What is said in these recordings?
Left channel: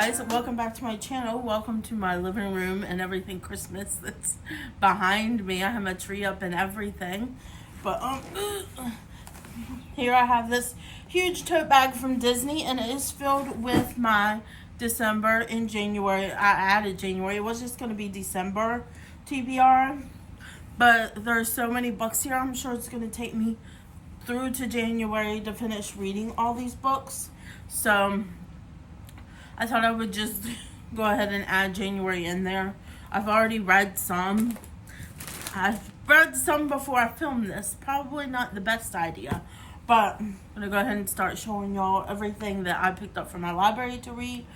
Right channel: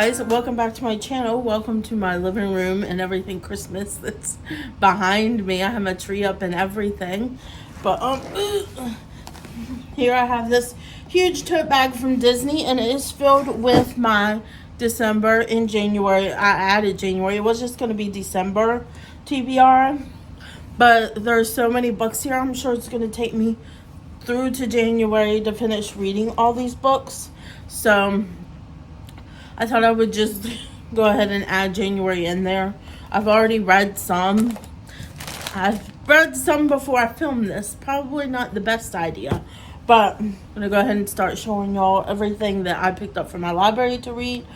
guys, welcome back to my channel. Welcome to my living room and everything Christmas that's behind me. I have my tree up and everything. But here I have this huge tote bag from Disney, and it is filled with my December and January. I added January. It was just going to be December TBR. But there's so many books here. I'm sure it's going to take me through to January to finish reading all these books. So I thought I would just go ahead and add January in there. I've already read some. I've read some before I filmed this. Probably not the best idea. But I'm going to go ahead and start showing y'all everything that I picked up from my library to read.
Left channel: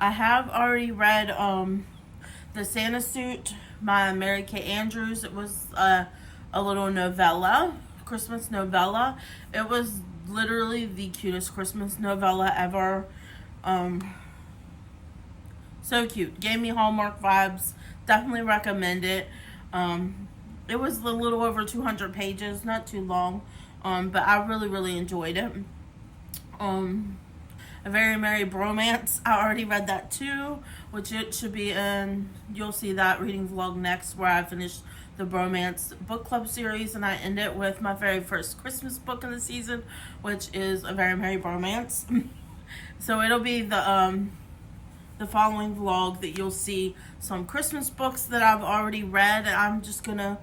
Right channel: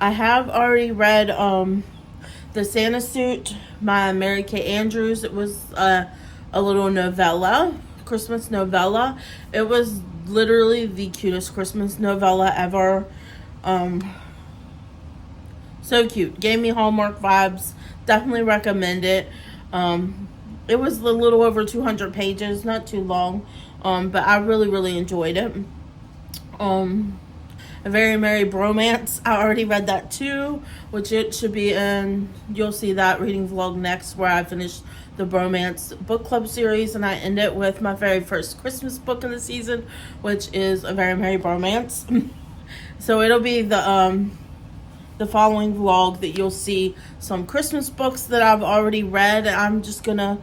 I have already read The Santa Suit by Mary Kay Andrews. It was a little novella, Christmas novella. It was literally the cutest Christmas novella ever. So cute. Gave me Hallmark vibes. Definitely recommend it. It was a little over 200 pages, not too long. But I really enjoyed it. A Very Merry Bromance. I already read that too, which it should be in, you'll see that reading vlog next, where I finished the Bromance book club series, and I end it with my very first Christmas book of the season, which is A Very Merry Bromance. So it'll be the following vlog that you'll see some Christmas books that I've already read. I'm just gonna,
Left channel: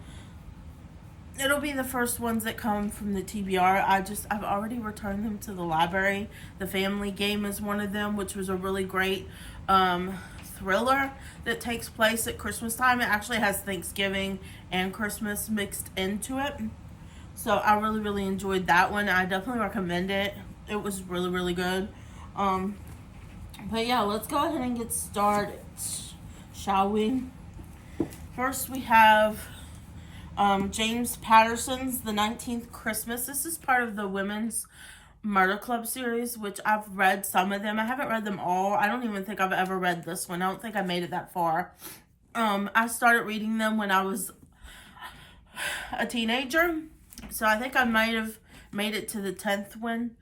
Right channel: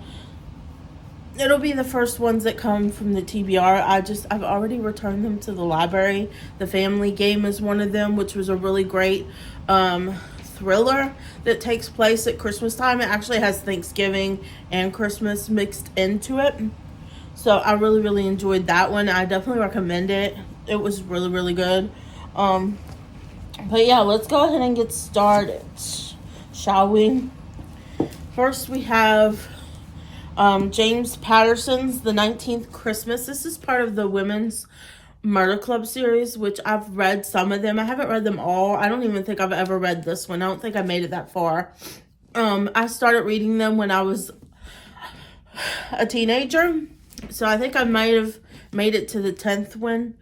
it'll be the first ones that come from the TBR. I've already returned them to the library. The Family Game is one of them, which was a really great thriller that takes place at Christmas time. It actually has Thanksgiving and Christmas mixed into it. So I really enjoyed that one. I definitely recommend it. It was really good. But yeah, let's go ahead and get started, shall we? First we have James Patterson's The 19th Christmas. This is part of the Women's Murder Club series, which I've read some of them. I haven't read them all. I don't even think I've ever read this one. I don't think I made it that far. I started reading them when I was a teenager. So I think I might have made it to the 10th one.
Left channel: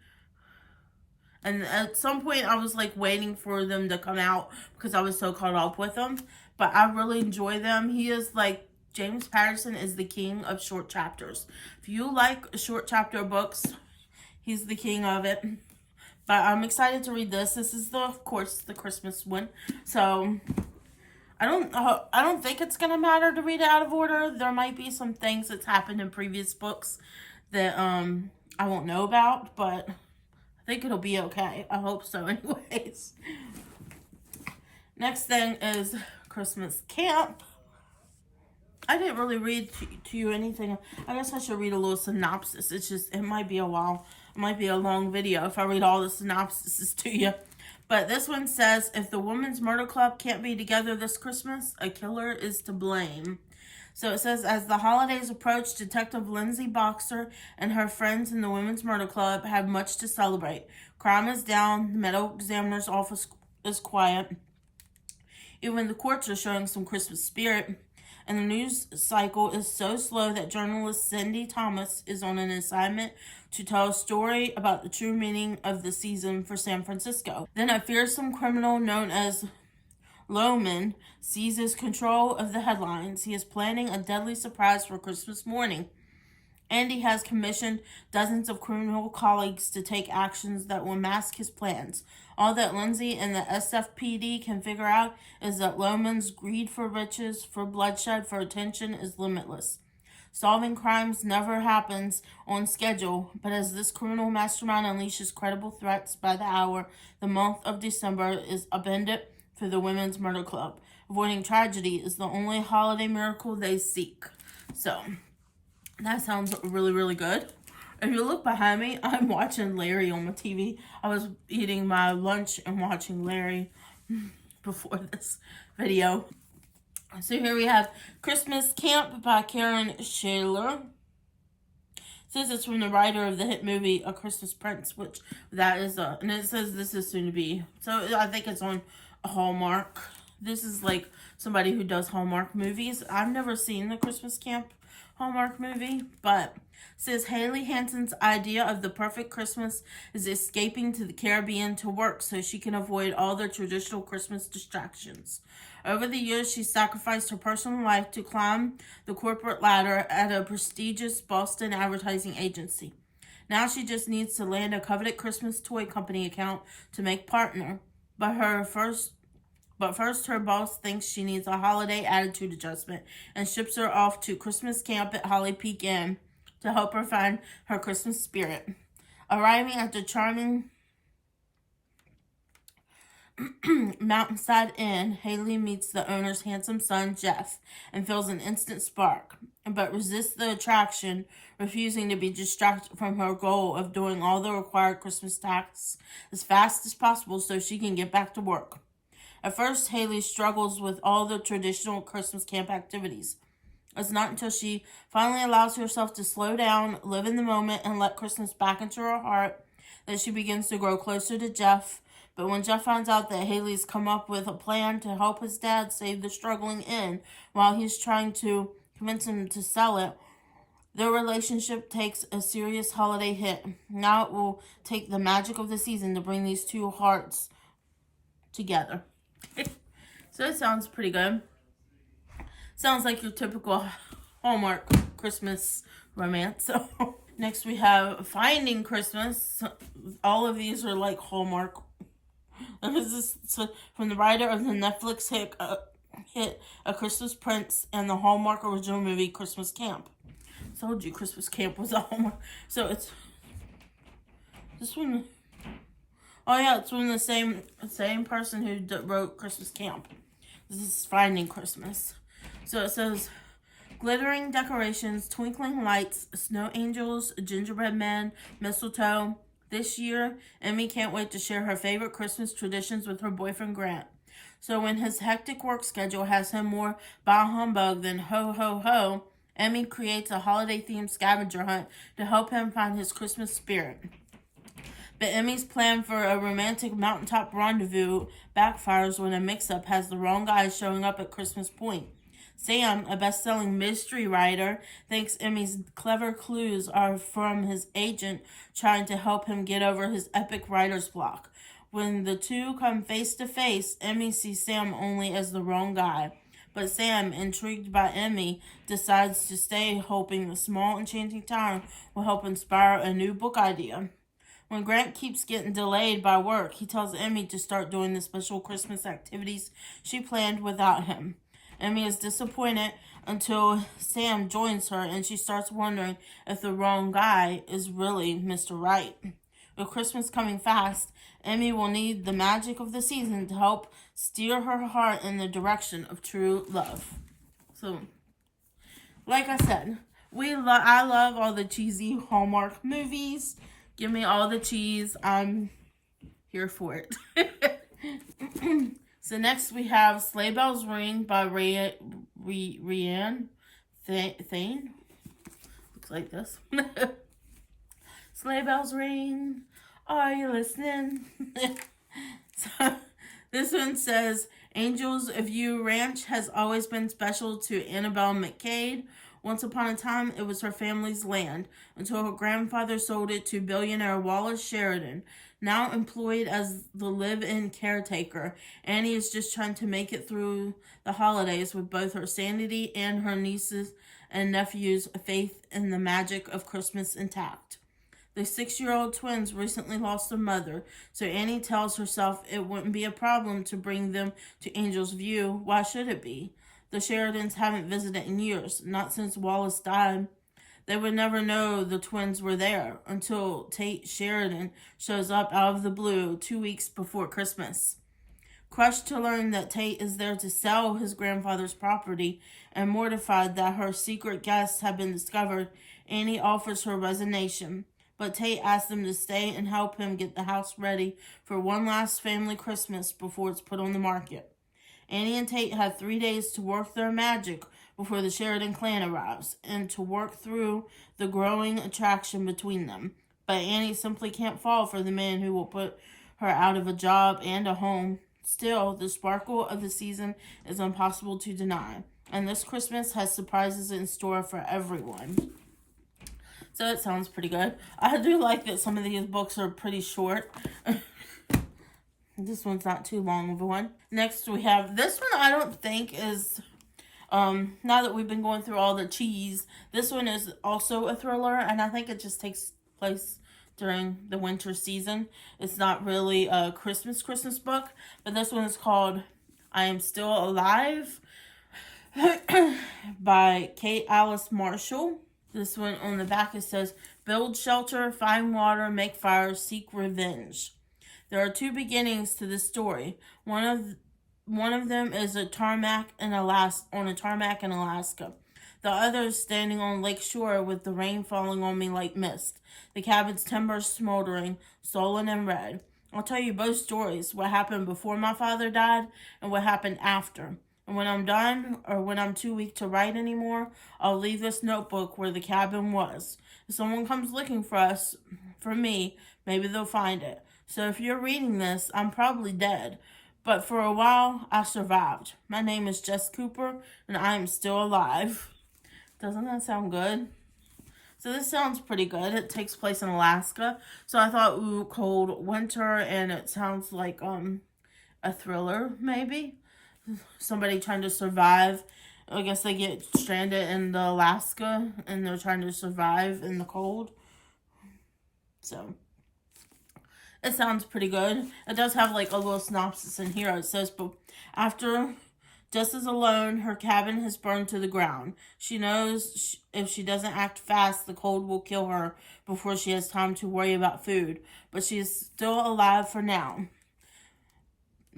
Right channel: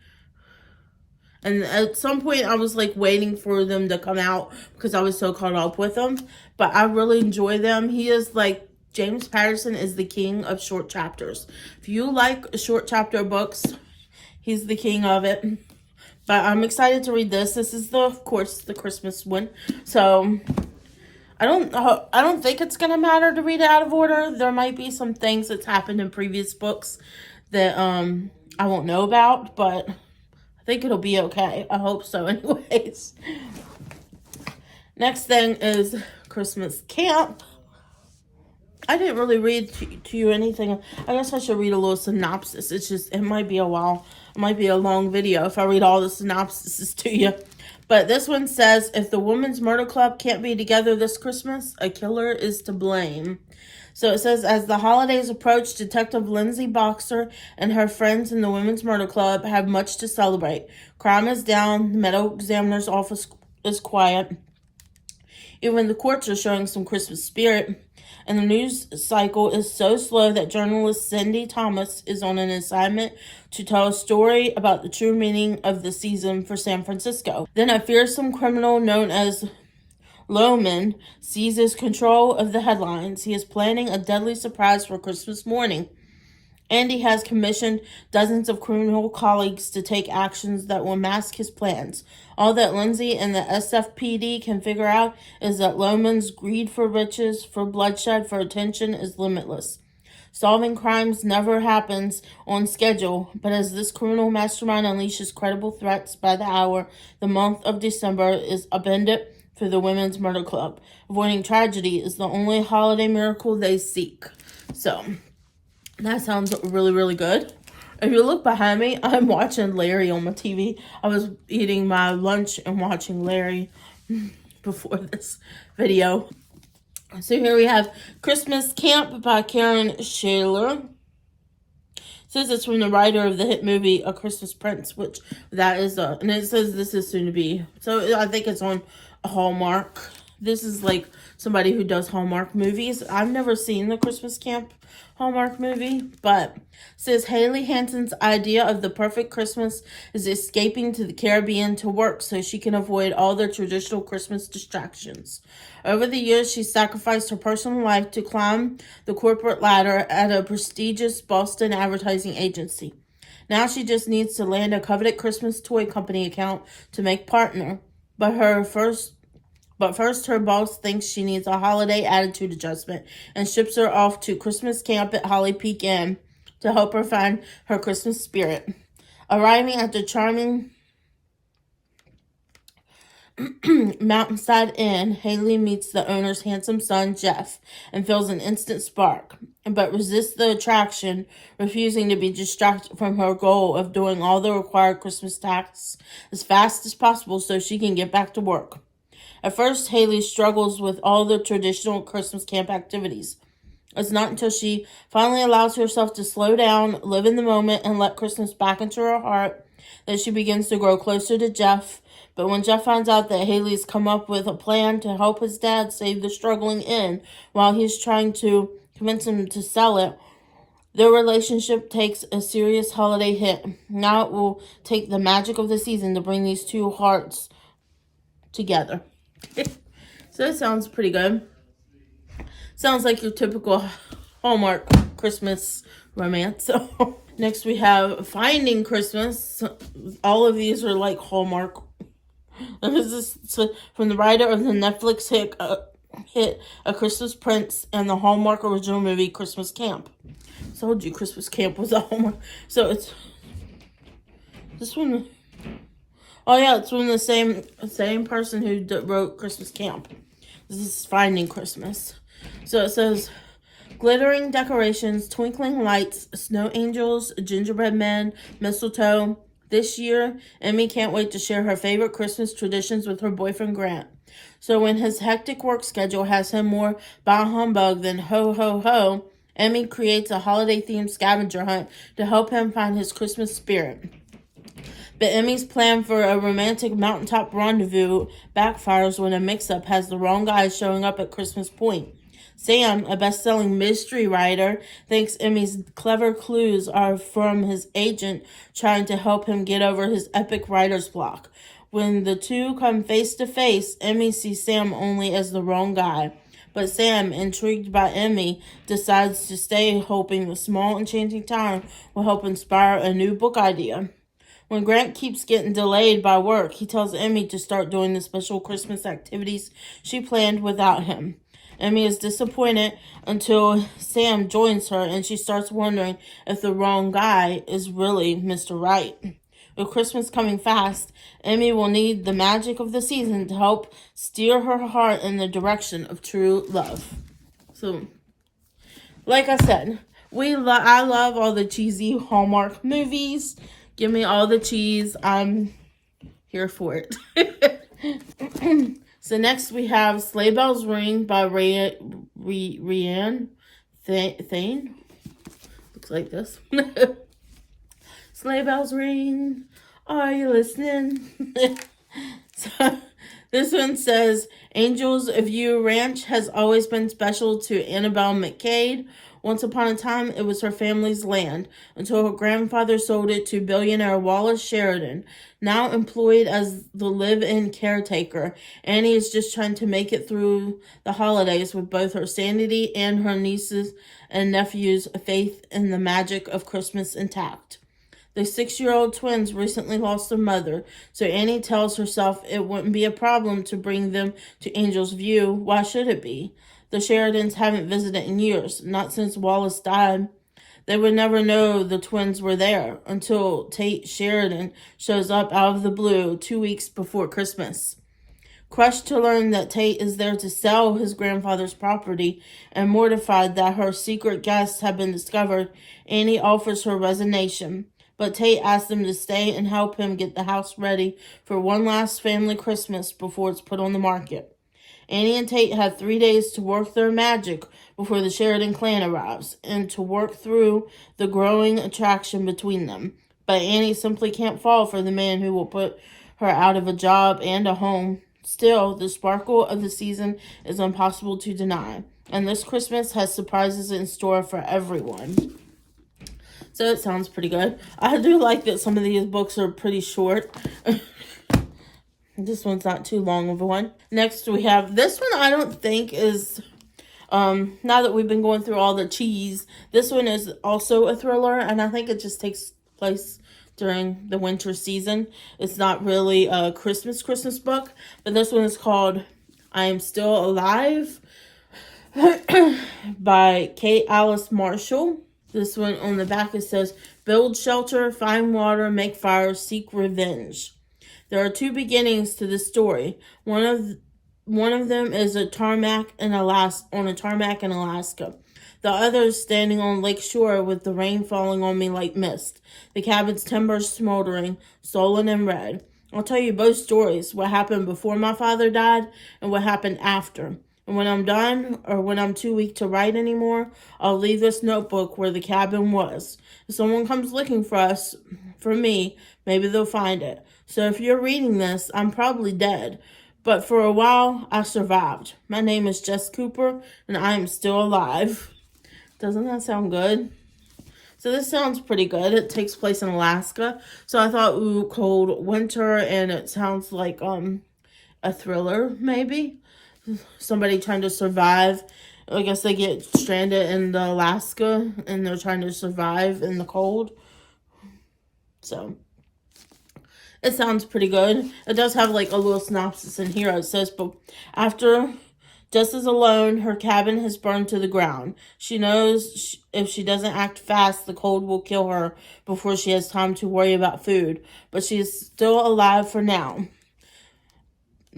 And at some point, I was like waiting for them to come out because I was so caught up with them. But I really enjoy them. He is like, James Patterson is the king of short chapters. If you like short chapter books, he's the king of it. But I'm excited to read this. This is of course, the Christmas one. So I don't think it's gonna matter to read it out of order. There might be some things that's happened in previous books that I won't know about, but I think it'll be okay. I hope so anyways. Next thing is Christmas Camp. I didn't really read to you anything. I guess I should read a little synopsis. It's just, it might be a while. It might be a long video if I read all the synopsises to you. But this one says, if the Women's Murder Club can't be together this Christmas, a killer is to blame. So it says, as the holidays approach, Detective Lindsay Boxer and her friends in the Women's Murder Club have much to celebrate. Crime is down, the medical examiner's office is quiet. Even the courts are showing some Christmas spirit. And the news cycle is so slow that journalist Cindy Thomas is on an assignment to tell a story about the true meaning of the season for San Francisco. Then a fearsome criminal known as Lohman seizes control of the headlines. He is planning a deadly surprise for Christmas morning. Andy has commissioned dozens of criminal colleagues to take actions that will mask his plans. All that Lindsay and the SFPD can figure out is that Lohman's greed for riches, for bloodshed, for attention is limitless. Solving crimes never happens on schedule, but as this criminal mastermind unleashes credible threats by the hour, the month of December is upended for the Women's Murder Club. Avoiding tragedy is the only holiday miracle they seek. So that sounds really good. If you look behind me, I'm watching Larry on my TV. I was eating my lunch and watching Larry before this video. So here we have Christmas Camp by Karen Shaler. It says it's from the writer of the hit movie A Christmas Prince, which that is and it says this is soon to be. So I think it's on Hallmark, This is like somebody who does Hallmark movies. I've never seen the Christmas Camp Hallmark movie, but says Haley Hansen's idea of the perfect Christmas is escaping to the Caribbean to work so she can avoid all the traditional Christmas distractions. Over the years, she sacrificed her personal life to climb the corporate ladder at a prestigious Boston advertising agency. Now she just needs to land a coveted Christmas toy company account to make partner. But first, her boss thinks she needs a holiday attitude adjustment and ships her off to Christmas camp at Holly Peak Inn to help her find her Christmas spirit. Arriving at the charming Mountainside Inn, Haley meets the owner's handsome son, Jeff, and feels an instant spark, but resists the attraction, refusing to be distracted from her goal of doing all the required Christmas tasks as fast as possible so she can get back to work. At first, Haley struggles with all the traditional Christmas camp activities. It's not until she finally allows herself to slow down, live in the moment, and let Christmas back into her heart that she begins to grow closer to Jeff. But when Jeff finds out that Haley's come up with a plan to help his dad save the struggling inn while he's trying to convince him to sell it, their relationship takes a serious holiday hit. Now it will take the magic of the season to bring these two hearts together. So it sounds pretty good. Sounds like your typical Hallmark Christmas romance. So next we have Finding Christmas. All of these are like Hallmark. This is from the writer of the Netflix hit A Christmas Prince and the Hallmark original movie Christmas Camp. I told you Christmas Camp was a Hallmark. So it's this one. Oh yeah, it's from the same person who wrote Christmas Camp. This is Finding Christmas. So it says, glittering decorations, twinkling lights, snow angels, gingerbread men, mistletoe. This year, Emmy can't wait to share her favorite Christmas traditions with her boyfriend Grant. So when his hectic work schedule has him more bah humbug than ho ho ho, Emmy creates a holiday-themed scavenger hunt to help him find his Christmas spirit. But Emmy's plan for a romantic mountaintop rendezvous backfires when a mix-up has the wrong guy showing up at Christmas Point. Sam, a best-selling mystery writer, thinks Emmy's clever clues are from his agent trying to help him get over his epic writer's block. When the two come face to face, Emmy sees Sam only as the wrong guy. But Sam, intrigued by Emmy, decides to stay, hoping the small enchanting town will help inspire a new book idea. When Grant keeps getting delayed by work, he tells Emmy to start doing the special Christmas activities she planned without him. Emmy is disappointed until Sam joins her and she starts wondering if the wrong guy is really Mr. Right. With Christmas coming fast, Emmy will need the magic of the season to help steer her heart in the direction of true love. So, like I said, I love all the cheesy Hallmark movies. Give me all the cheese. I'm here for it. So next we have Sleigh Bells Ring by Rianne Thane. Looks like this. Sleigh bells ring. Are you listening? So this one says, Angels of You Ranch has always been special to Annabelle McCade. Once upon a time, it was her family's land, until her grandfather sold it to billionaire Wallace Sheridan. Now employed as the live-in caretaker, Annie is just trying to make it through the holidays with both her sanity and her nieces and nephews' faith in the magic of Christmas intact. The 6-year-old twins recently lost their mother, so Annie tells herself it wouldn't be a problem to bring them to Angel's View. Why should it be? The Sheridans haven't visited in years, not since Wallace died. They would never know the twins were there until Tate Sheridan shows up out of the blue 2 weeks before Christmas. Crushed to learn that Tate is there to sell his grandfather's property and mortified that her secret guests have been discovered, Annie offers her resignation. But Tate asks them to stay and help him get the house ready for one last family Christmas before it's put on the market. Annie and Tate have 3 days to work their magic before the Sheridan clan arrives, and to work through the growing attraction between them. But Annie simply can't fall for the man who will put her out of a job and a home Still, the sparkle of the season is impossible to deny, and this Christmas has surprises in store for everyone. So it sounds pretty good. I do like that some of these books are pretty short. This one's not too long of a one. Next we have, this one I don't think is, now that we've been going through all the cheese, this one is also a thriller, and I think it just takes place during the winter season. It's not really a Christmas book, but this one is called I Am Still Alive by Kate Alice Marshall. This one on the back, it says, build shelter, find water, make fire, seek revenge. There are two beginnings to this story. One of them is a tarmac in Alaska. The other is standing on Lake Shore with the rain falling on me like mist. The cabin's timbers smoldering, stolen and red. I'll tell you both stories, what happened before my father died and what happened after. And when I'm done, or when I'm too weak to write anymore, I'll leave this notebook where the cabin was. If someone comes looking for me, maybe they'll find it. So if you're reading this, I'm probably dead. But for a while, I survived. My name is Jess Cooper, and I am still alive. Doesn't that sound good? So this sounds pretty good. It takes place in Alaska. So I thought, ooh, cold winter, and it sounds like a thriller, maybe. Somebody trying to survive. I guess they get stranded in the Alaska and they're trying to survive in the cold. So it sounds pretty good. It does have like a little synopsis in here. It says, but after Jess is alone, her cabin has burned to the ground. She knows if she doesn't act fast, the cold will kill her before she has time to worry about food. But she is still alive for now.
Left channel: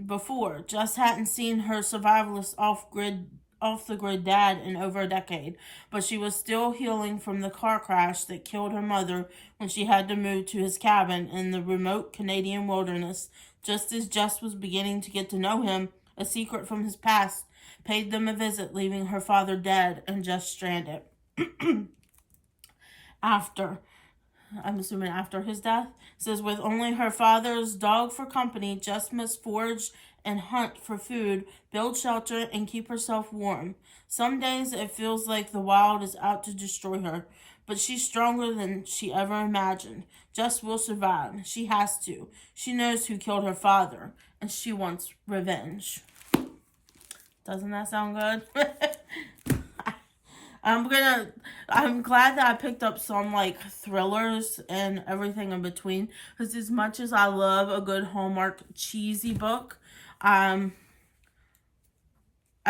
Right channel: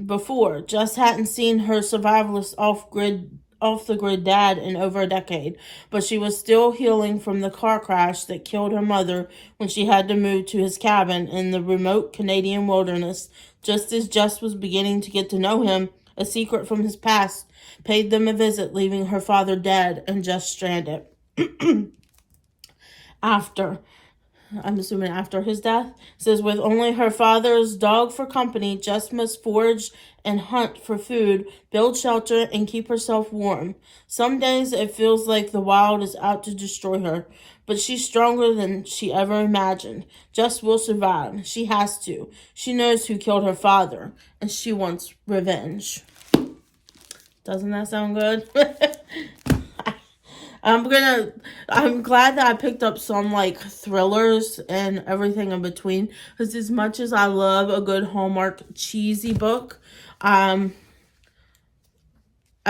Before, Jess hadn't seen her survivalist off the grid dad in over a decade, but she was still healing from the car crash that killed her mother when she had to move to his cabin in the remote Canadian wilderness. Just as Jess was beginning to get to know him, a secret from his past paid them a visit, leaving her father dead and Jess stranded. I'm assuming after his death, says with only her father's dog for company, Jess must forage and hunt for food, build shelter, and keep herself warm. Some days it feels like the wild is out to destroy her, but she's stronger than she ever imagined. Jess will survive. She has to. She knows who killed her father, and she wants revenge. Doesn't that sound good? I'm glad that I picked up some like thrillers and everything in between, because as much as I love a good Hallmark cheesy book, I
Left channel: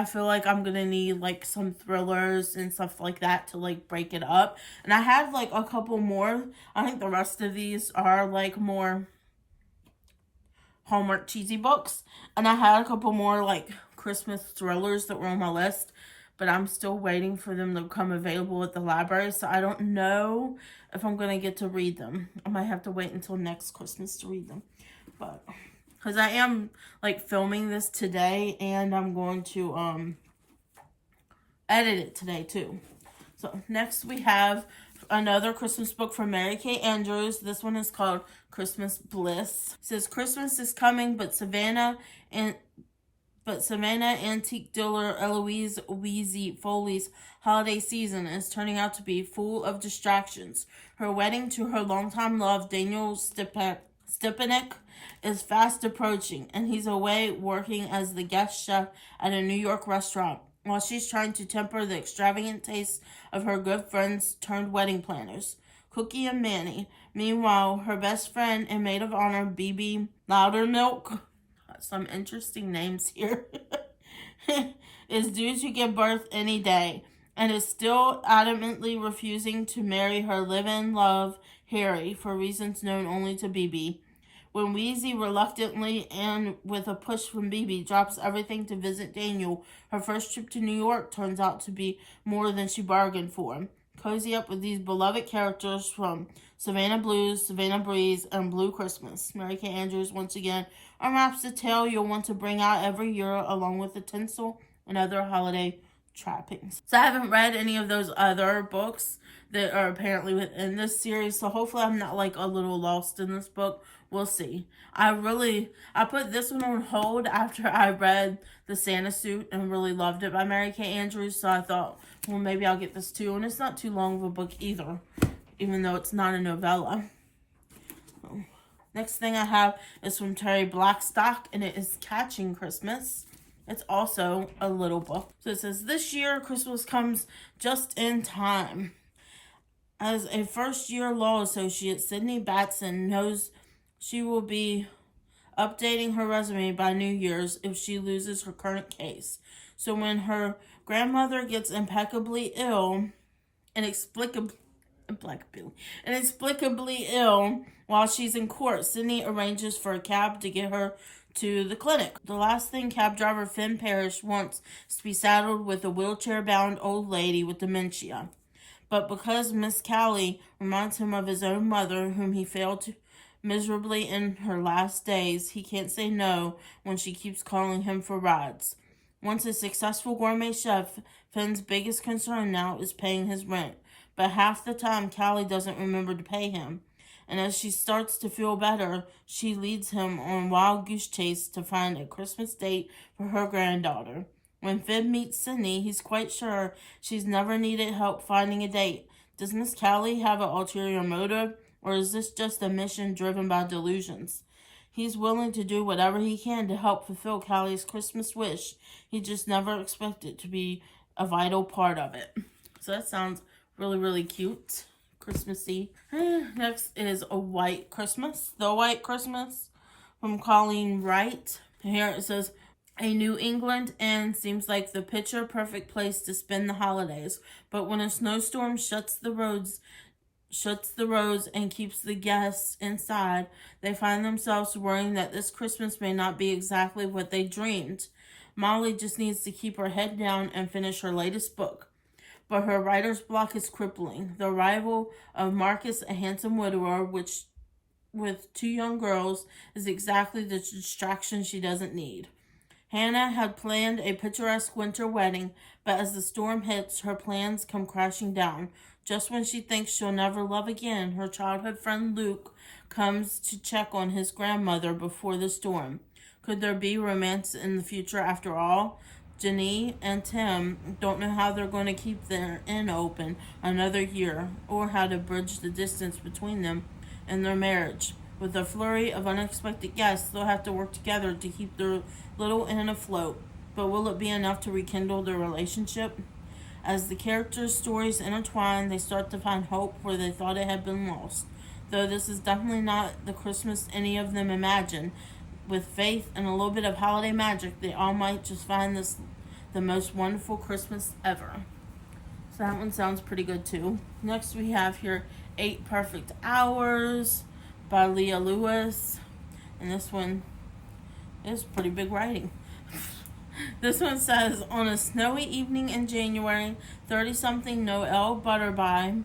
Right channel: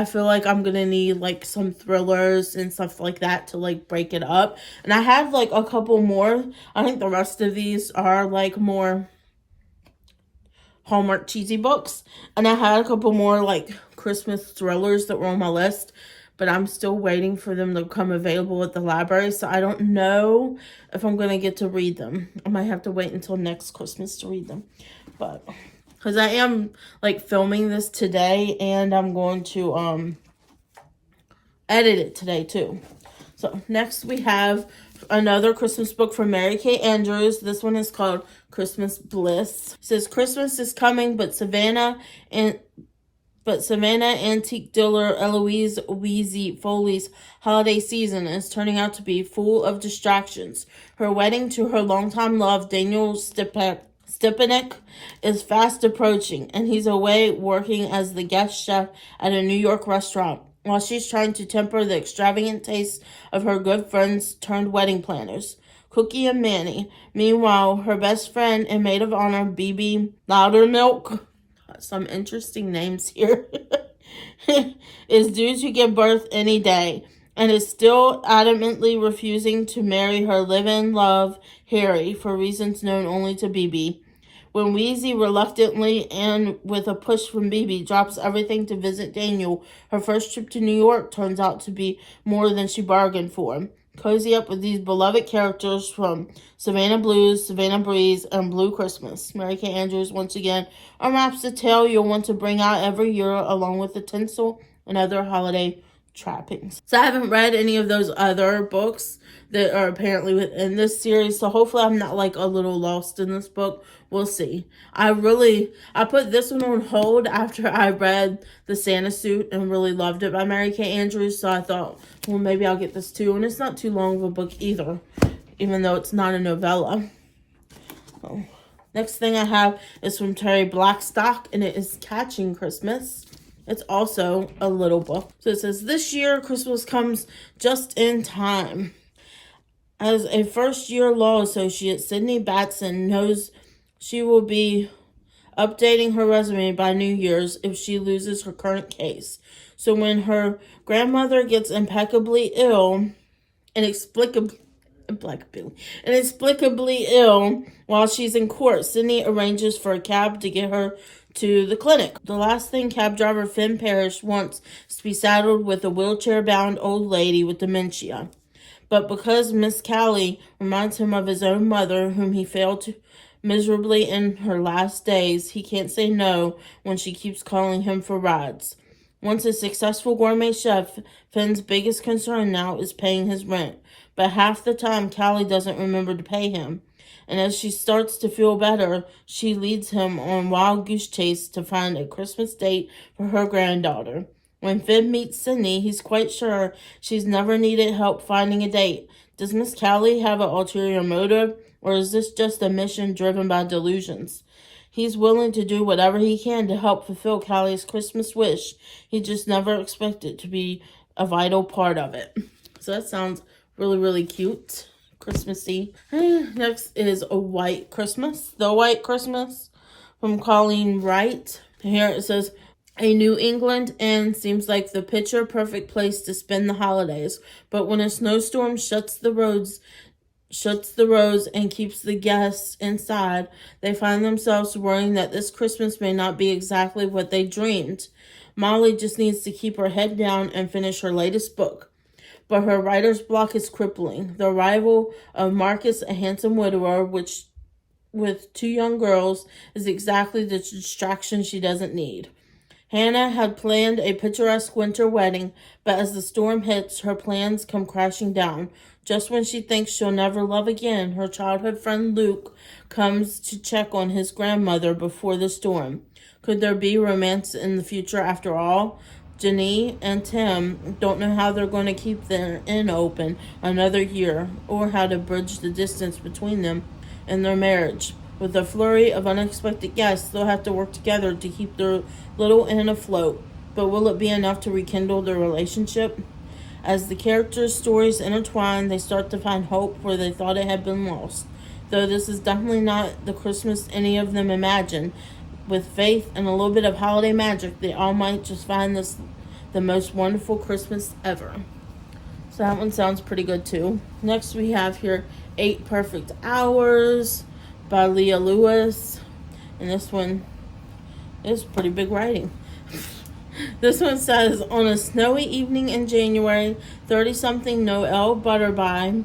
feel like I'm gonna need like some thrillers and stuff like that to like break it up. And I have like a couple more. I think the rest of these are like more Hallmark cheesy books, and I had a couple more like Christmas thrillers that were on my list, but I'm still waiting for them to come available at the library, so I don't know if I'm going to get to read them. I might have to wait until next Christmas to read them, but because I am like filming this today, and I'm going to edit it today too. So next we have another Christmas book from Mary Kay Andrews. This one is called Christmas Bliss. It says Christmas is coming, but Savannah Antique Dealer Eloise Wheezy Foley's holiday season is turning out to be full of distractions. Her wedding to her longtime love, Daniel Stepanek, is fast approaching, and he's away working as the guest chef at a New York restaurant, while she's trying to temper the extravagant tastes of her good friends turned wedding planners, Cookie and Manny. Meanwhile, her best friend and maid of honor, BB Loudermilk, some interesting names here, is due to give birth any day, and is still adamantly refusing to marry her live-in love, Harry, for reasons known only to BB. When Wheezy reluctantly and with a push from BB drops everything to visit Daniel, her first trip to New York turns out to be more than she bargained for. Cozy up with these beloved characters from Savannah Blues, Savannah Breeze, and Blue Christmas. Mary Kay Andrews once again unwraps the tale you'll want to bring out every year, along with the tinsel and other holiday trappings. So I haven't read any of those other books that are apparently within this series. So hopefully I'm not like a little lost in this book. We'll see. I put this one on hold after I read The Santa Suit and really loved it by Mary Kay Andrews. So I thought, well, maybe I'll get this too. And it's not too long of a book either, even though it's not a novella. So, next thing I have is from Terry Blackstock, and it is Catching Christmas. It's also a little book. So it says, this year Christmas comes just in time. As a first-year law associate, Sydney Batson knows she will be updating her resume by New Year's if she loses her current case. So when her grandmother gets impeccably ill, inexplicably ill while she's in court, Sydney arranges for a cab to get her to the clinic. The last thing cab driver Finn Parrish wants is to be saddled with a wheelchair-bound old lady with dementia. But because Miss Callie reminds him of his own mother, whom he failed to miserably in her last days, he can't say no when she keeps calling him for rides. Once a successful gourmet chef, Finn's biggest concern now is paying his rent. But half the time, Callie doesn't remember to pay him. And as she starts to feel better, she leads him on a wild goose chase to find a Christmas date for her granddaughter. When Finn meets Sydney, he's quite sure she's never needed help finding a date. Does Miss Callie have an ulterior motive, or is this just a mission driven by delusions? He's willing to do whatever he can to help fulfill Callie's Christmas wish. He just never expected to be a vital part of it. So that sounds really, really cute. Christmassy. Next is A White Christmas. The White Christmas from Colleen Wright. Here it says, a New England inn seems like the picture-perfect place to spend the holidays. But when a snowstorm shuts the roads and keeps the guests inside, they find themselves worrying that this Christmas may not be exactly what they dreamed. Molly just needs to keep her head down and finish her latest book. But her writer's block is crippling. The arrival of Marcus, a handsome widower, which with 2 young girls, is exactly the distraction she doesn't need. Hannah had planned a picturesque winter wedding, but as the storm hits, her plans come crashing down. Just when she thinks she'll never love again, her childhood friend Luke comes to check on his grandmother before the storm. Could there be romance in the future after all? Jenny and Tim don't know how they're going to keep their inn open another year, or how to bridge the distance between them and their marriage. With a flurry of unexpected guests, they'll have to work together to keep their little inn afloat. But will it be enough to rekindle their relationship? As the characters' stories intertwine, they start to find hope where they thought it had been lost. Though this is definitely not the Christmas any of them imagined, with faith and a little bit of holiday magic, they all might just find this the most wonderful Christmas ever. So that one sounds pretty good too. Next we have here 8 Perfect Hours by Leah Lewis. And this one is pretty big writing. This one says, on a snowy evening in January, 30-something Noelle Butterby,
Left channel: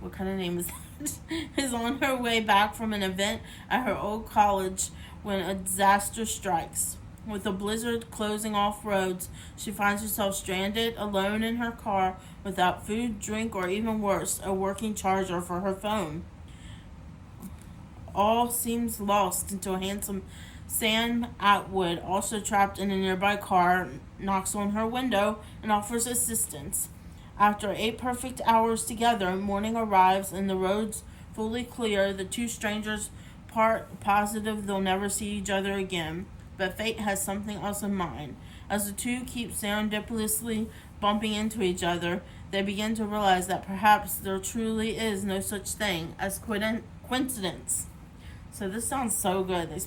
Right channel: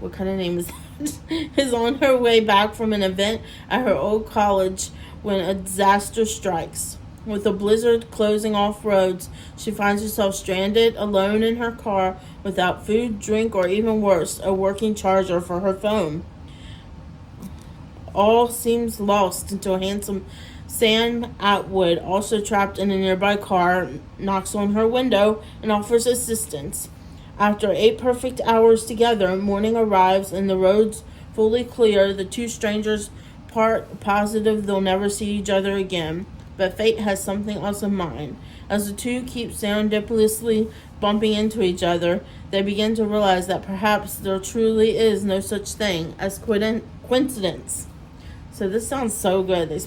what kind of name is that, is on her way back from an event at her old college when a disaster strikes. With a blizzard closing off roads, she finds herself stranded alone in her car without food, drink, or even worse, a working charger for her phone. All seems lost until handsome Sam Atwood, also trapped in a nearby car, knocks on her window and offers assistance. After 8 perfect hours together, morning arrives and the roads fully clear. The 2 strangers part positive they'll never see each other again, but fate has something else in mind. As the 2 keep serendipitously bumping into each other, they begin to realize that perhaps there truly is no such thing as coincidence. So this sounds so good. This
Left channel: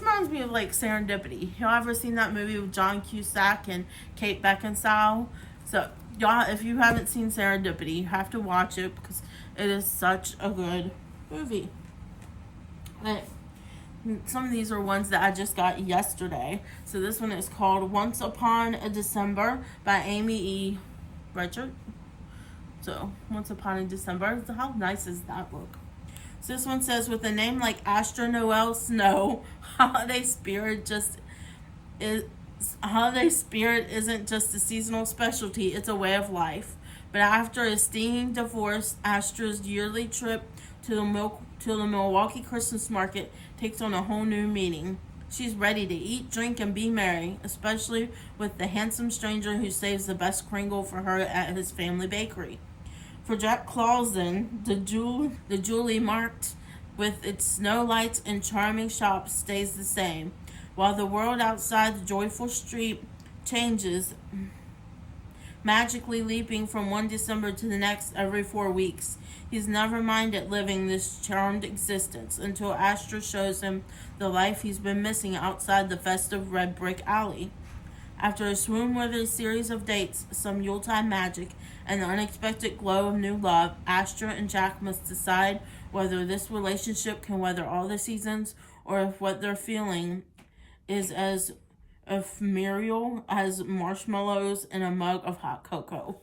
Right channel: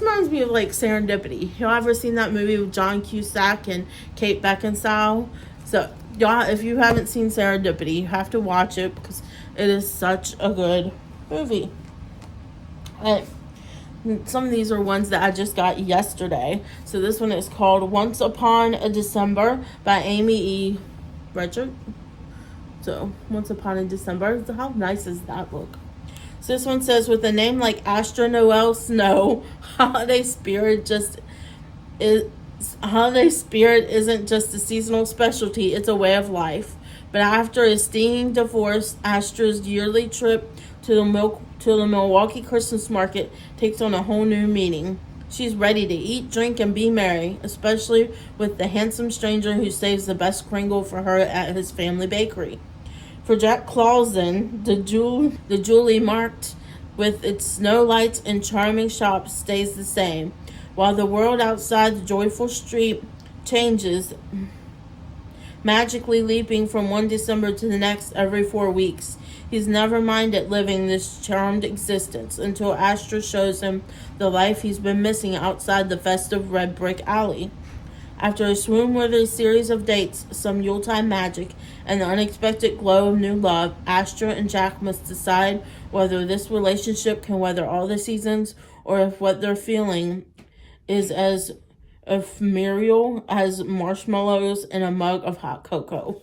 reminds me of like Serendipity. Y'all ever seen that movie with John Cusack and Kate Beckinsale? So y'all, if you haven't seen Serendipity, you have to watch it because it is such a good movie. Some of these are ones that I just got yesterday. So this one is called Once Upon a December by Amy E. Richard. So Once Upon a December. So how nice does that look? So this one says, with a name like Astra Noel Snow, holiday spirit isn't just a seasonal specialty, it's a way of life. But after a stinging divorce, Astra's yearly trip to the Milwaukee Christmas market takes on a whole new meaning. She's ready to eat, drink, and be merry, especially with the handsome stranger who saves the best Kringle for her at his family bakery. For Jack Clausen, the Julie marked with its snow lights and charming shops stays the same, while the world outside the joyful street changes, magically leaping from one December to the next every 4 weeks. He's never minded living this charmed existence until Astra shows him the life he's been missing outside the festive red brick alley. After a swoon-worthy series of dates, some Yuletide magic, and the unexpected glow of new love, Astra and Jack must decide whether this relationship can weather all the seasons or if what they're feeling is as ephemeral as marshmallows in a mug of hot cocoa.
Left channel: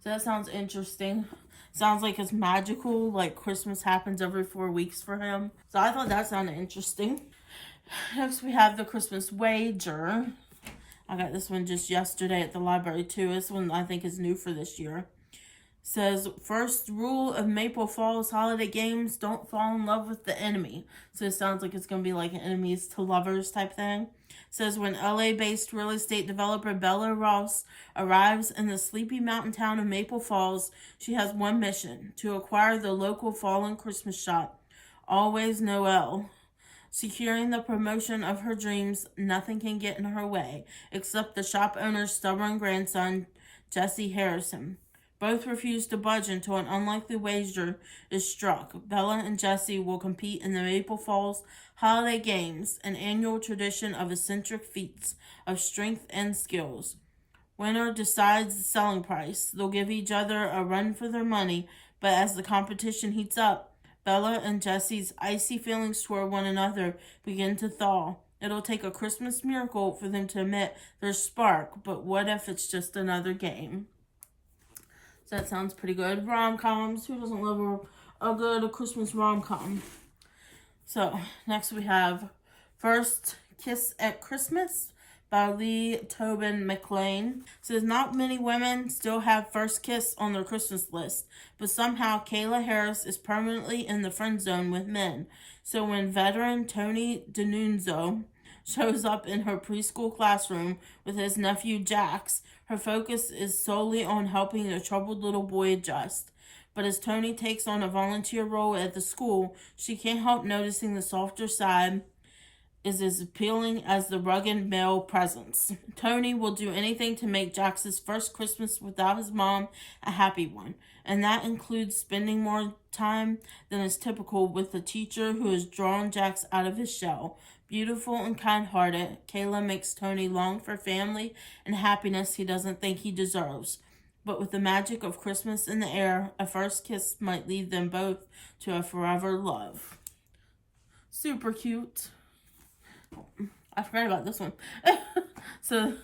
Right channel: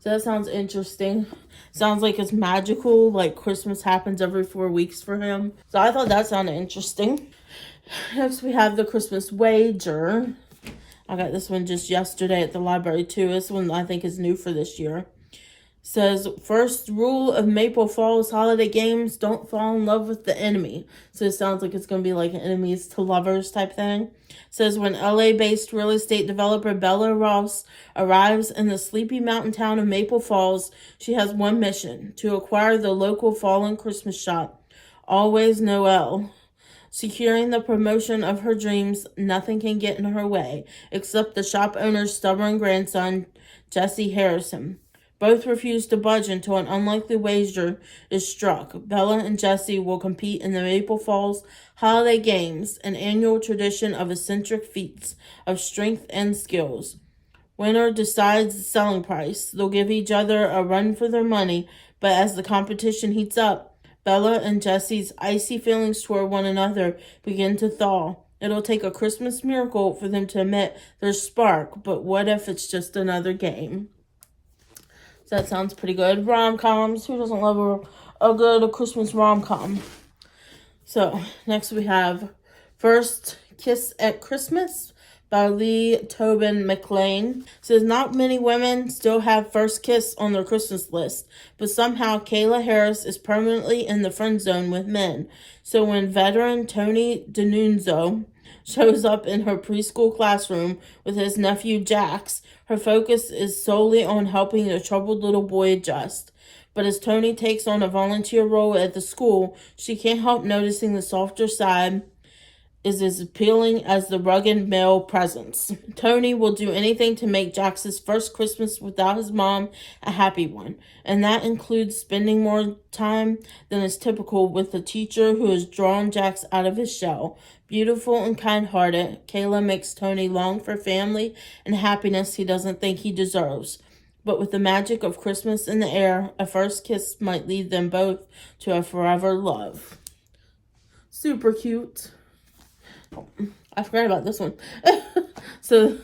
So that sounds interesting. Sounds like it's magical, like Christmas happens every 4 weeks for him. So I thought that sounded interesting. Next we have the Christmas Wager. I got this one just yesterday at the library too. This one I think is new for this year. Says, first rule of Maple Falls holiday games, don't fall in love with the enemy. So it sounds like it's going to be like an enemies to lovers type thing. Says, when LA-based real estate developer Bella Ross arrives in the sleepy mountain town of Maple Falls, she has one mission: to acquire the local fallen Christmas shop, Always Noel. Securing the promotion of her dreams, nothing can get in her way, except the shop owner's stubborn grandson, Jesse Harrison. Both refuse to budge until an unlikely wager is struck. Bella and Jesse will compete in the Maple Falls Holiday Games, an annual tradition of eccentric feats of strength and skills. Winner decides the selling price. They'll give each other a run for their money, but as the competition heats up, Bella and Jesse's icy feelings toward one another begin to thaw. It'll take a Christmas miracle for them to admit there's spark, but what if it's just another game? So that sounds pretty good. Rom-coms. Who doesn't love a good Christmas rom-com? So, next we have First Kiss at Christmas by Lee Tobin McLean. Says, not many women still have first kiss on their Christmas list, but somehow Kayla Harris is permanently in the friend zone with men. So when veteran Tony DiNunzio shows up in her preschool classroom with his nephew Jax, her focus is solely on helping the troubled little boy adjust. But as Tony takes on a volunteer role at the school, she can't help noticing the softer side is as appealing as the rugged male presence. Tony will do anything to make Jax's first Christmas without his mom a happy one, and that includes spending more time than is typical with the teacher who has drawn Jax out of his shell. Beautiful and kind-hearted, Kayla makes Tony long for family and happiness he doesn't think he deserves. But with the magic of Christmas in the air, a first kiss might lead them both to a forever love. Super cute. I forgot about this one. So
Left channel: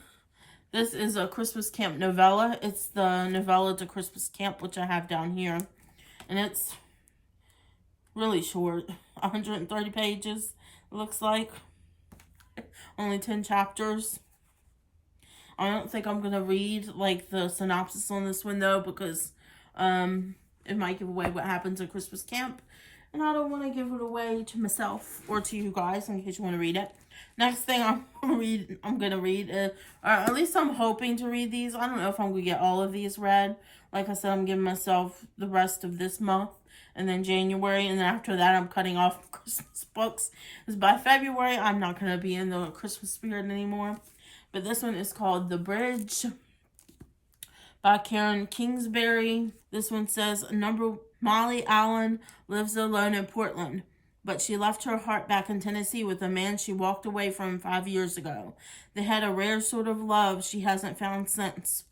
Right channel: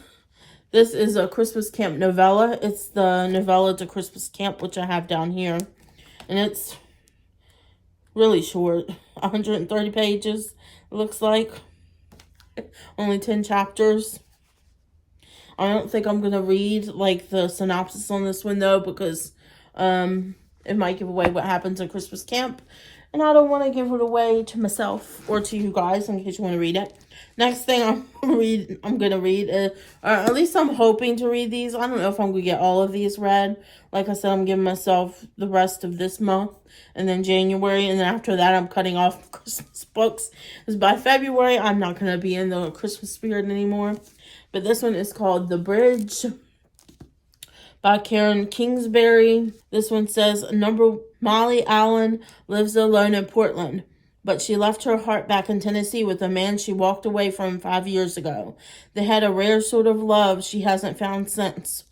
this is a Christmas Camp novella. It's the novella to Christmas Camp, which I have down here. And it's really short. 130 pages, it looks like. Only 10 chapters. I don't think I'm going to read like the synopsis on this one though, because it might give away what happens in Christmas Camp. And I don't want to give it away to myself or to you guys in case you want to read it. Next thing I'm going to read, or at least I'm hoping to read these. I don't know if I'm going to get all of these read. Like I said, I'm giving myself the rest of this month and then January. And then after that, I'm cutting off Christmas books. Because by February, I'm not going to be in the Christmas spirit anymore. But this one is called The Bridge by Karen Kingsbury. This one says, Molly Allen lives alone in Portland, but she left her heart back in Tennessee with a man she walked away from 5 years ago. They had a rare sort of love she hasn't found since.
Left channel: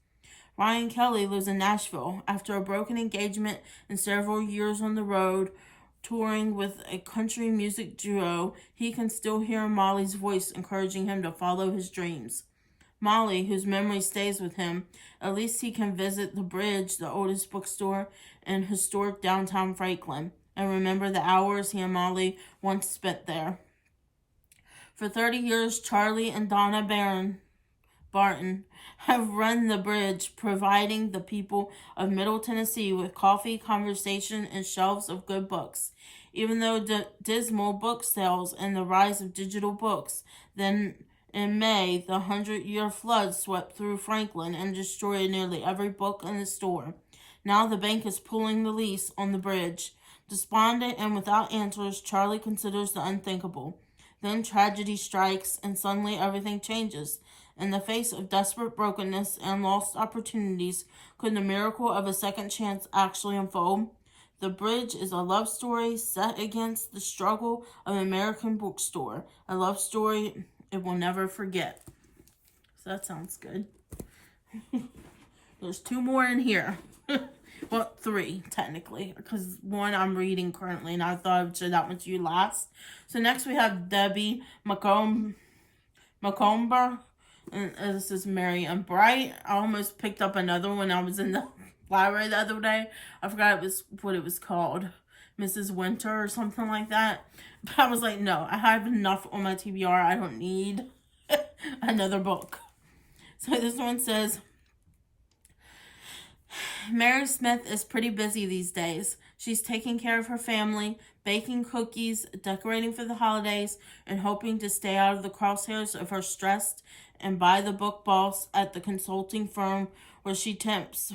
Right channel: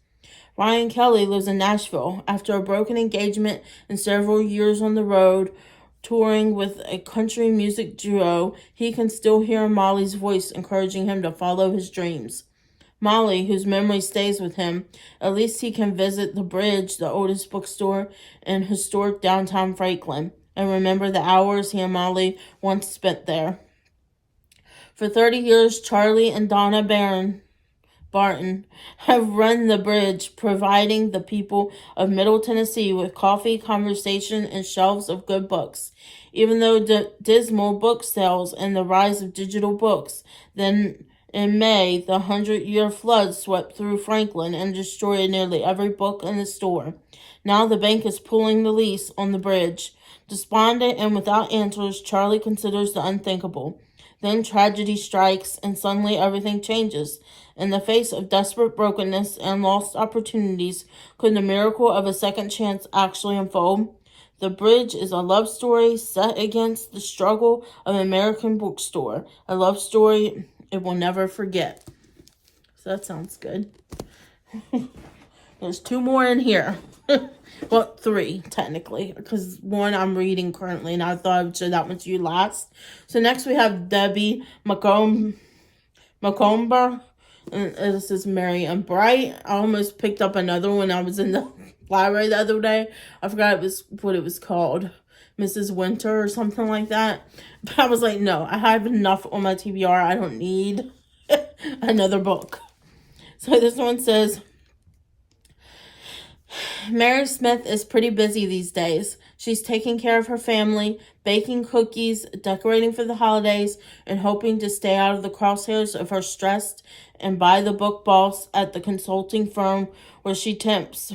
Ryan Kelly lives in Nashville. After a broken engagement and several years on the road, touring with a country music duo, he can still hear Molly's voice encouraging him to follow his dreams. Molly, whose memory stays with him, at least he can visit the Bridge, the oldest bookstore in historic downtown Franklin, and remember the hours he and Molly once spent there. For 30 years, Charlie and Donna Barton have run the bridge, providing the people of Middle Tennessee with coffee, conversation, and shelves of good books. Even though dismal book sales and the rise of digital books, then in May, the 100-year flood swept through Franklin and destroyed nearly every book in the store. Now the bank is pulling the lease on the bridge. Despondent and without answers, Charlie considers the unthinkable. Then tragedy strikes, and suddenly everything changes. In the face of desperate brokenness and lost opportunities, could the miracle of a second chance actually unfold? The Bridge is a love story set against the struggle of an American bookstore. A love story it will never forget. So that sounds good. There's 2 more in here. Well, 3, technically, because 1 I'm reading currently, and I thought I would show that one to you last. So next we have Debbie Macomber, and this is Merry and Bright. I almost picked up another one. I was in the library the other day. I forgot what it was called. Mrs. Winter or something like that. But I was like, no, I have enough on my TBR. I don't need another book. So this one says, Mary Smith is pretty busy these days. She's taking care of her family, baking cookies, decorating for the holidays, and hoping to stay out of the crosshairs of her stressed and by-the-book boss at the consulting firm where she tempts.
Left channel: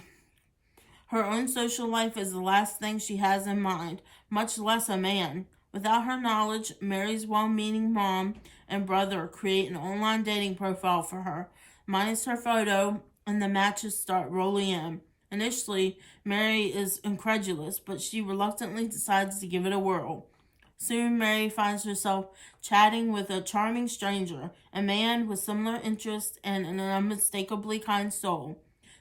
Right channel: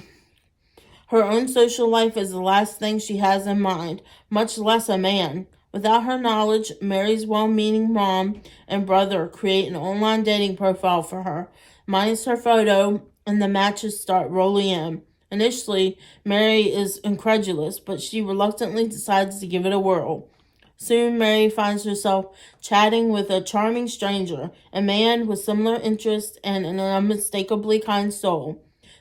Her own social life is the last thing she has in mind, much less a man. Without her knowledge, Mary's well-meaning mom and brother create an online dating profile for her, minus her photo, and the matches start rolling in. Initially, Mary is incredulous, but she reluctantly decides to give it a whirl. Soon, Mary finds herself chatting with a charming stranger, a man with similar interests and an unmistakably kind soul.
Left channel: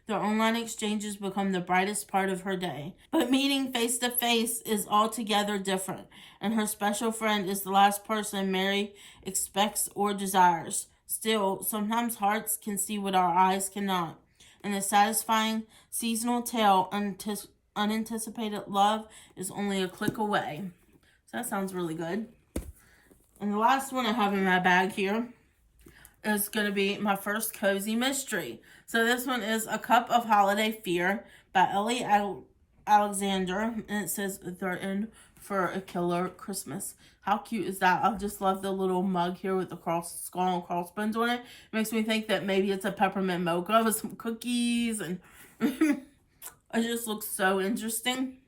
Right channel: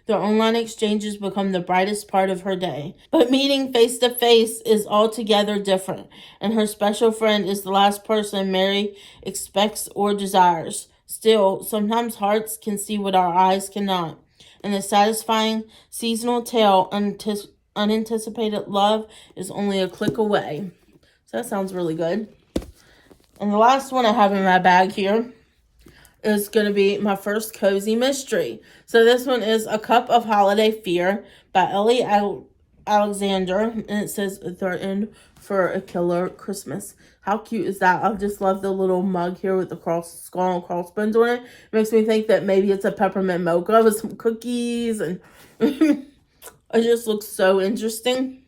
Their online exchanges become the brightest part of her day. But meeting face to face is altogether different, and her special friend is the last person Mary expects or desires. Still, sometimes hearts can see what our eyes cannot. And the satisfying seasonal tale, unanticipated love, is only a click away. So that sounds really good. And the last one I have in my bag here is going to be my first cozy mystery. So this one is A Cup of Holiday Fear by Ellie Alexander. And it says they're in for a killer Christmas. How cute is that? I just love the little mug here with the skull and crossbones on it. It makes me think that maybe it's a peppermint mocha with some cookies. And it just looks so interesting.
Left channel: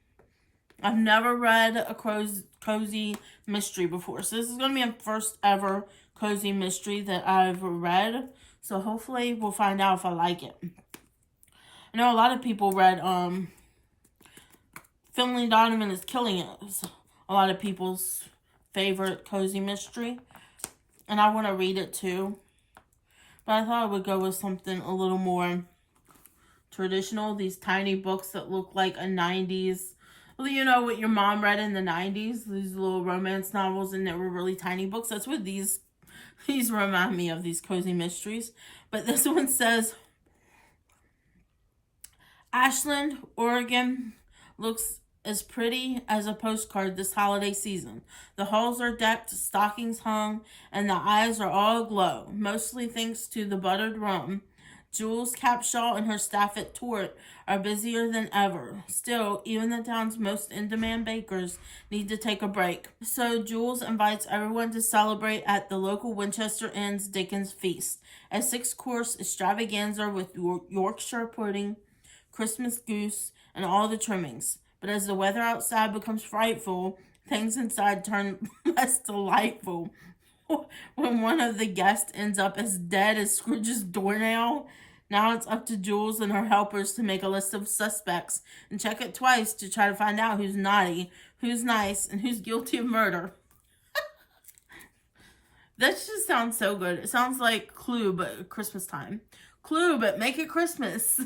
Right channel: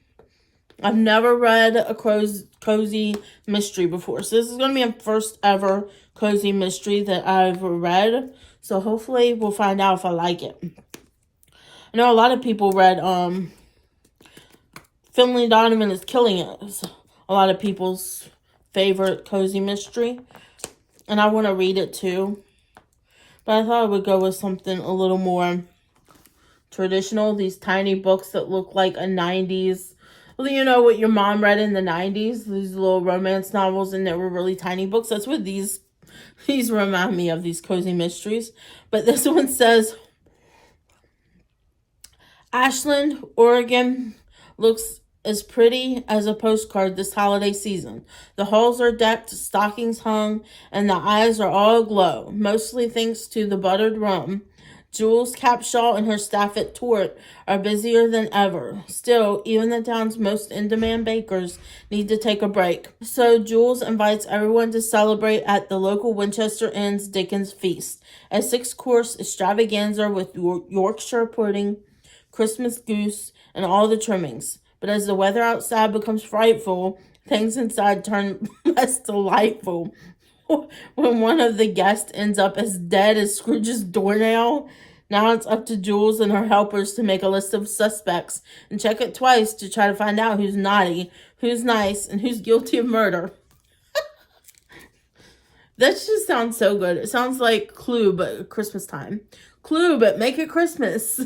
I've never read a cozy mystery before. So this is going to be a first ever cozy mystery that I've read. So hopefully we'll find out if I like it. I know a lot of people read Finley Donovan is Killing It. It's a lot of people's favorite cozy mystery. And I want to read it too. But I thought I would go with something a little more traditional. These tiny books that look like a 90s. Well, you know what your mom read in the 90s? These little romance novels, and they were really tiny books. That's what these remind me of, these cozy mysteries. But this one says, Ashland, Oregon looks as pretty as a postcard this holiday season. The halls are decked, stockings hung, and the eyes are all aglow, mostly thanks to the buttered rum. Jules Capshaw and her staff at Tort are busier than ever. Still, even the town's most in-demand bakers need to take a break. So Jules invites everyone to celebrate at the local Winchester Inn's Dickens Feast, a 6-course extravaganza with Yorkshire pudding, Christmas goose, and all the trimmings. But as the weather outside becomes frightful, things inside turn less delightful. When one of the guests ends up as dead as Scrooge's doornail, now it's up to Jules and her helpers to make a list of suspects and check it twice to try to find out who's naughty, who's nice, and who's guilty of murder. That just sounds so good. It sounds like Clue, but Christmas time. Clue, but make it Christmas.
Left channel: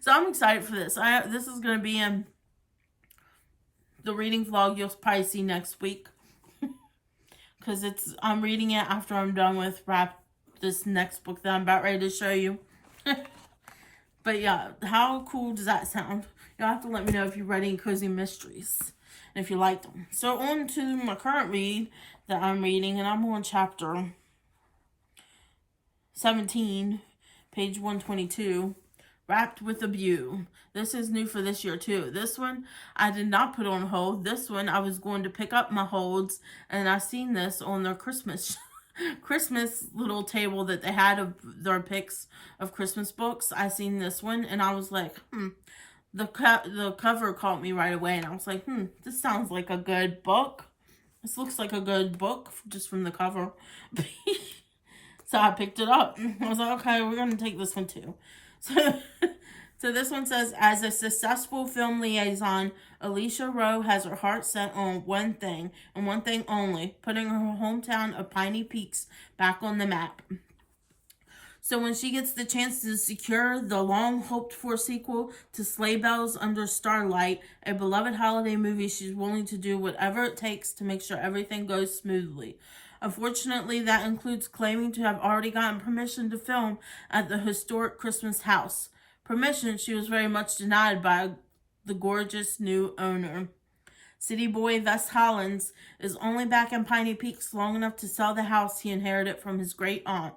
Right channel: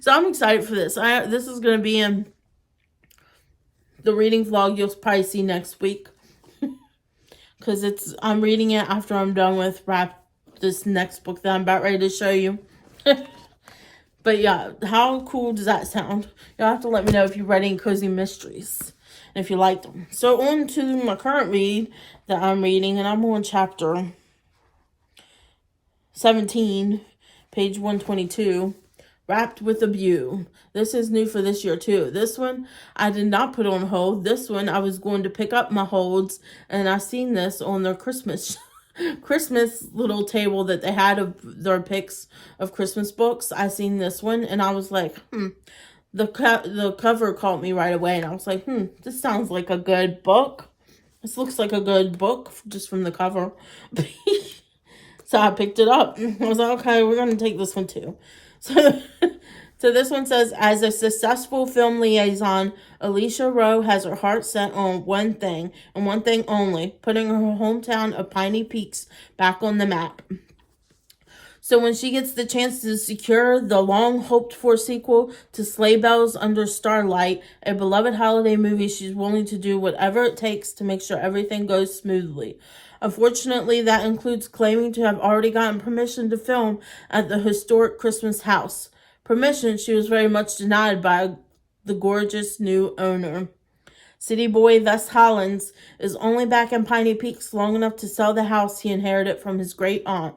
So I'm excited for this. This is going to be in the reading vlog you'll probably see next week. Because I'm reading it after I'm done with this next book that I'm about ready to show you. But yeah, how cool does that sound? You'll have to let me know if you read any cozy mysteries. And if you liked them. So on to my current read that I'm reading. And I'm on chapter 17. page 122. Wrapped with a View. This is new for this year too. This one I did not put on hold. This one I was going to pick up my holds, and I seen this on their Christmas little table that they had of their picks of Christmas books. I seen this one and I was like, the cover caught me right away, and I was like, this sounds like a good book. This looks like a good book just from the cover. So I picked it up. I was like, okay, we're going to take this one too. So this one says, as a successful film liaison, Alicia Rowe has her heart set on one thing, and one thing only, putting her hometown of Piney Peaks back on the map. So when she gets the chance to secure the long-hoped-for sequel to Sleigh Bells Under Starlight, a beloved holiday movie, she's willing to do whatever it takes to make sure everything goes smoothly. Unfortunately, that includes claiming to have already gotten permission to film at the historic Christmas house. Permission she was very much denied by the gorgeous new owner. City boy Wes Hollins is only back in Piney Peaks long enough to sell the house he inherited from his great aunt.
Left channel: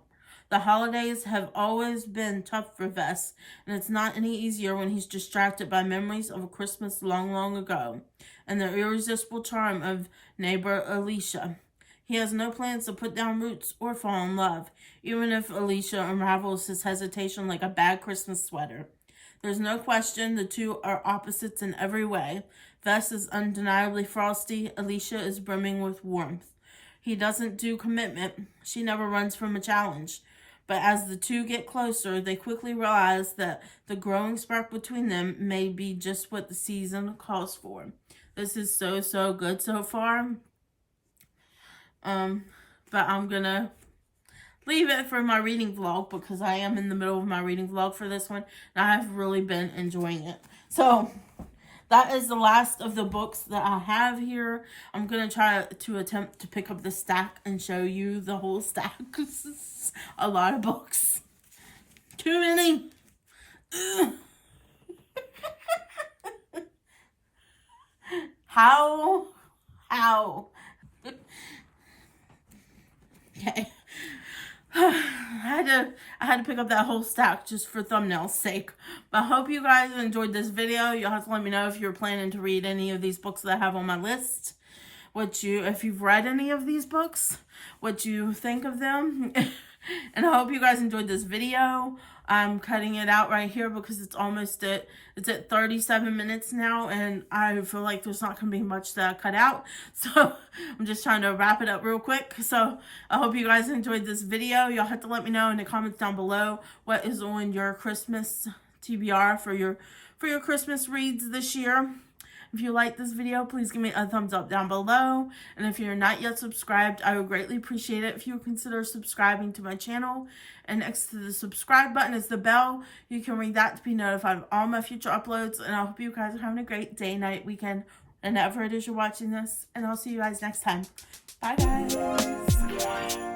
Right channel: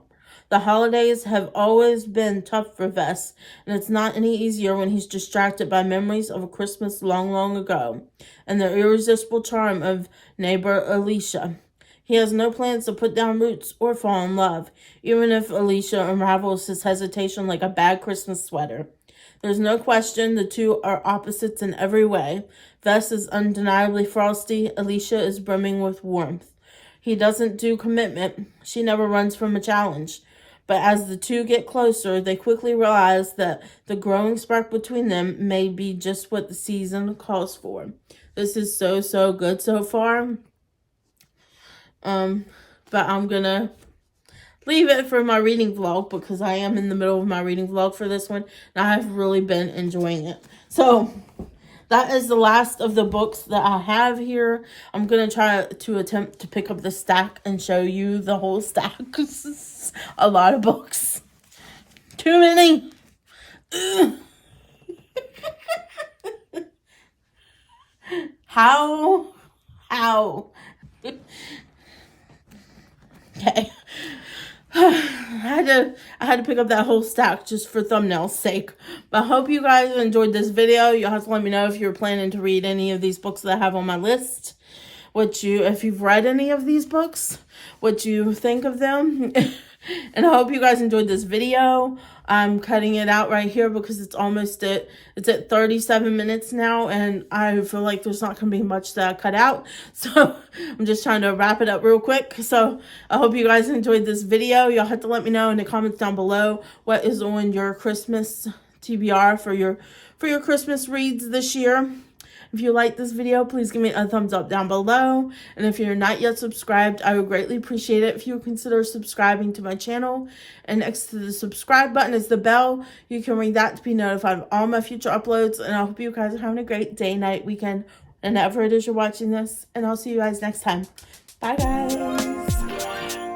The holidays have always been tough for Wes, and it's not any easier when he's distracted by memories of a Christmas long, long ago and the irresistible charm of neighbor Alicia. He has no plans to put down roots or fall in love, even if Alicia unravels his hesitation like a bad Christmas sweater. There's no question the two are opposites in every way. Wes is undeniably frosty. Alicia is brimming with warmth. He doesn't do commitment. She never runs from a challenge. But as the two get closer, they quickly realize that the growing spark between them may be just what the season calls for. This is so good so far. But I'm gonna leave it for my reading vlog because I am in the middle of my reading vlog for this one, and I have really been enjoying it. So that is the last of the books that I have here. I'm gonna try to attempt to pick up the stack and show you the whole stack because it's a lot of books. Too many. How? Okay. I had to pick up that whole stack just for thumbnail's sake. But I hope you guys enjoyed this video. You'll have to let me know if you're planning to read any of these books that I have on my list. If you've read any of these books, what you think of them. And I hope you guys enjoyed this video. I'm cutting it out right here because it's at 37 minutes now, and I feel like there's not going to be much that I cut out. So I'm just trying to wrap it up real quick. So I hope you guys enjoyed this video. Y'all have to let me know in the comments down below what is on your Christmas TBR for your Christmas reads this year. If you like this video, please give me a thumbs up down below. And if you're not yet subscribed, I would greatly appreciate it if you would consider subscribing to my channel. And next to the subscribe button is the bell. You can ring that to be notified of all my future uploads. And I hope you guys are having a great day, night, weekend, whenever it is you're watching this. And I'll see you guys next time. Bye, guys.